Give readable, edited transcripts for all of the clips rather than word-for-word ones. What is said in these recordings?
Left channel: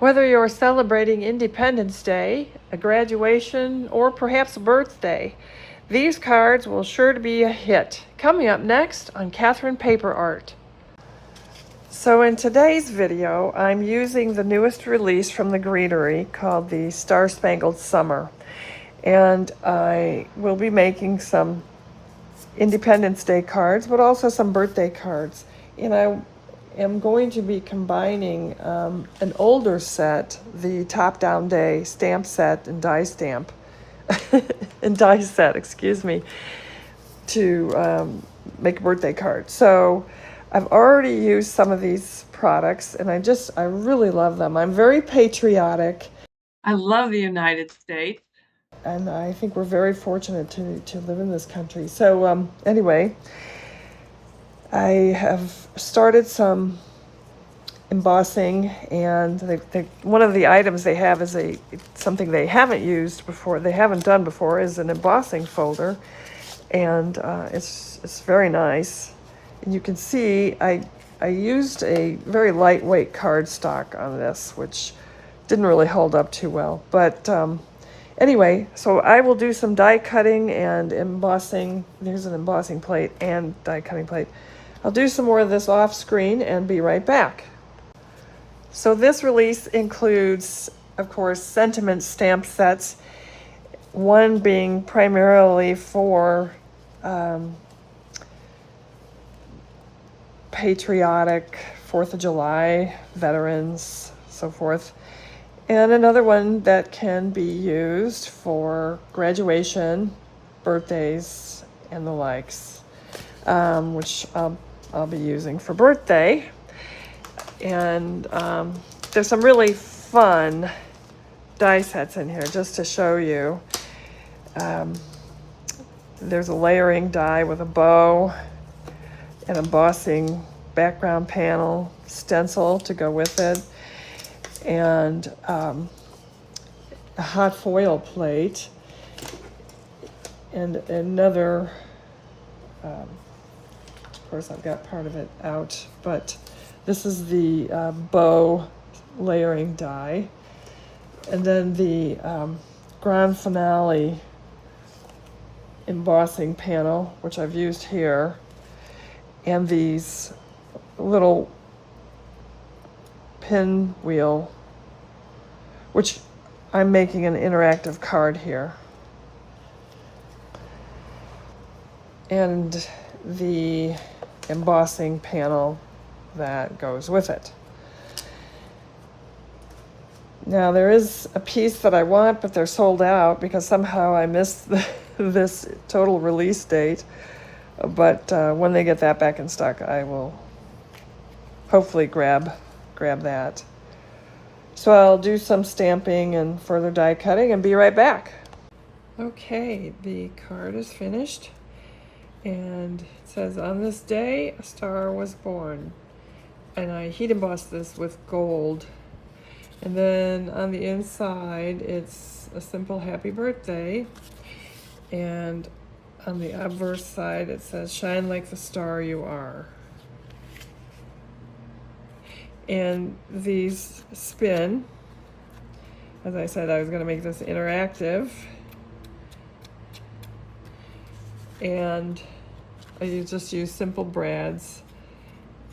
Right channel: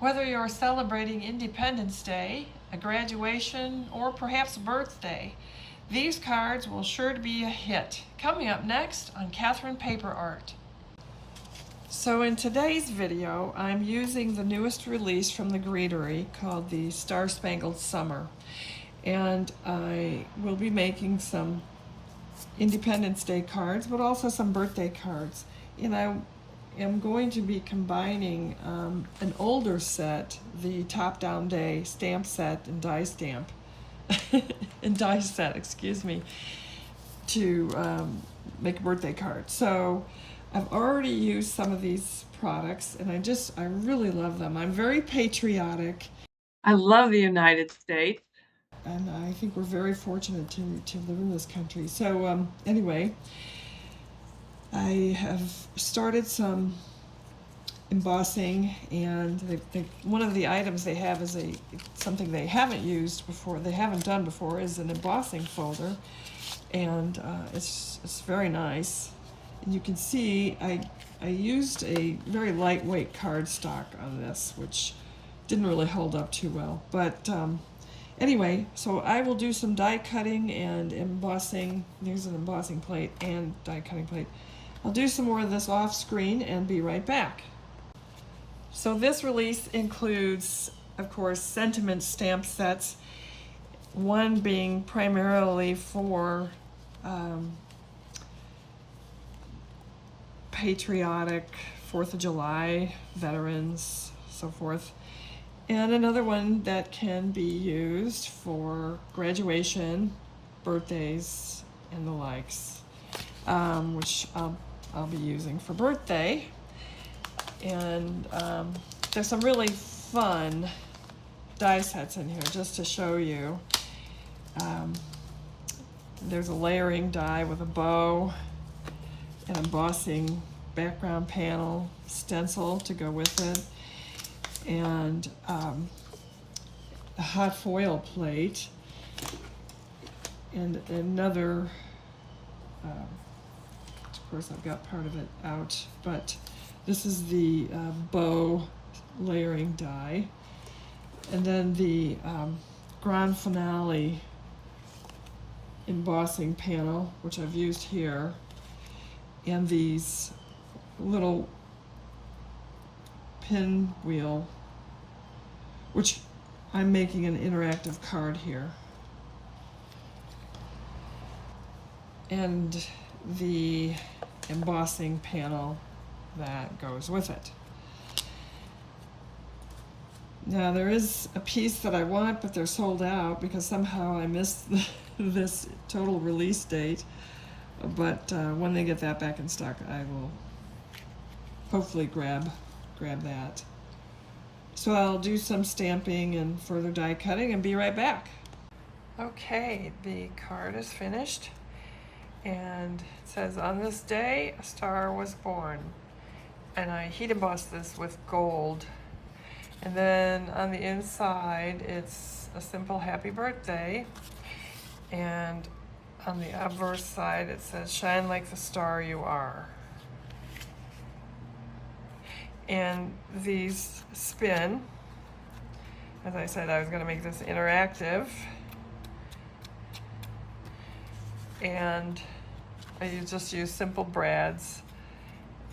Whether you're celebrating Independence Day, a graduation, or perhaps a birthday, these cards will sure to be a hit. Coming up next on Catherine Paper Art. So in today's video, I'm using the newest release from the Greenery called the Star Spangled Summer. And I will be making some Independence Day cards, but also some birthday cards. And I am going to be combining an older set, the Top Down Day stamp set and die stamp, and die set, excuse me, to make a birthday card. So I've already used some of these products and I really love them. I'm very patriotic. I love the United States. And I think we're very fortunate to live in this country. So anyway, I have started some embossing, and one of the items they have is something they haven't used before, they haven't done before, is an embossing folder, and it's very nice. And you can see I used a very lightweight cardstock on this, which didn't really hold up too well, but anyway, so I will do some die cutting and embossing. There's an embossing plate and die cutting plate. I'll do some more of this off screen and be right back. So this release includes, of course, sentiment stamp sets, one being primarily for patriotic, 4th of July, veterans, so forth. And another one that can be used for graduation, birthdays, and the likes, which I'll be using for birthday. And there's some really fun die sets in here, just to show you. There's a layering die with a bow, an embossing background panel, stencil to go with it, and a hot foil plate, and another, of course I've got part of it out, but this is the bow layering die, and then the grand finale embossing panel, which I've used here, and these little pinwheel, which I'm making an interactive card here, and the embossing panel that goes with it. Now there is a piece that I want, but they're sold out because somehow I missed this total release date. But when they get that back in stock, I will hopefully grab that. So I'll do some stamping and further die cutting and be right back. Okay, the card is finished, and it says, "On this day, a star was born." And I heat embossed this with gold. And then on the inside, it's a simple happy birthday. And on the obverse side, it says, "Shine like the star you are." And these spin. As I said, I was going to make this interactive. And I just use simple brads,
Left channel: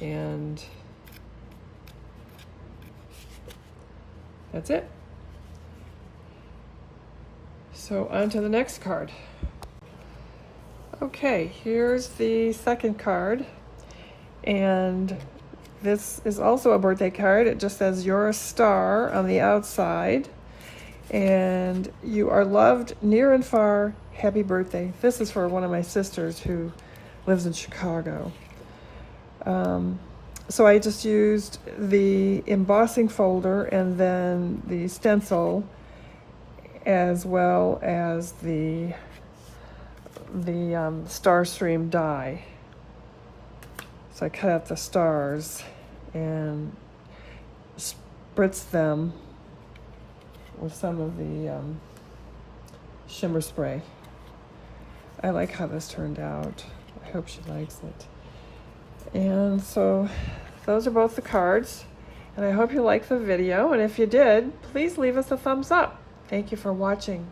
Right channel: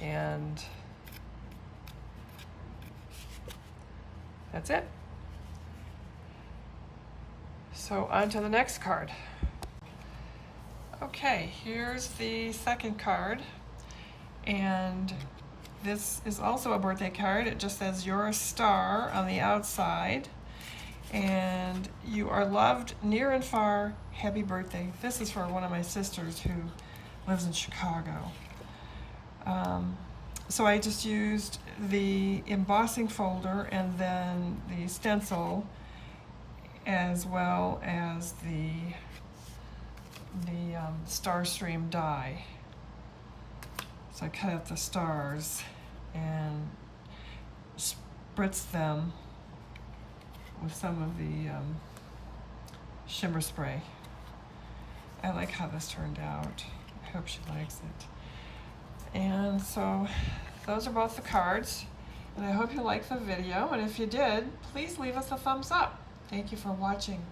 and that's it. So on to the next card. Okay, here's the second card, and this is also a birthday card. It just says, "You're a star" on the outside, and "You are loved near and far. Happy birthday." This is for one of my sisters who lives in Chicago. So I just used the embossing folder and then the stencil, as well as the star stream die. So I cut out the stars and spritzed them with some of the shimmer spray. I like how this turned out. I hope she likes it. And so those are both the cards. And I hope you liked the video, and if you did, please leave us a thumbs up. Thank you for watching.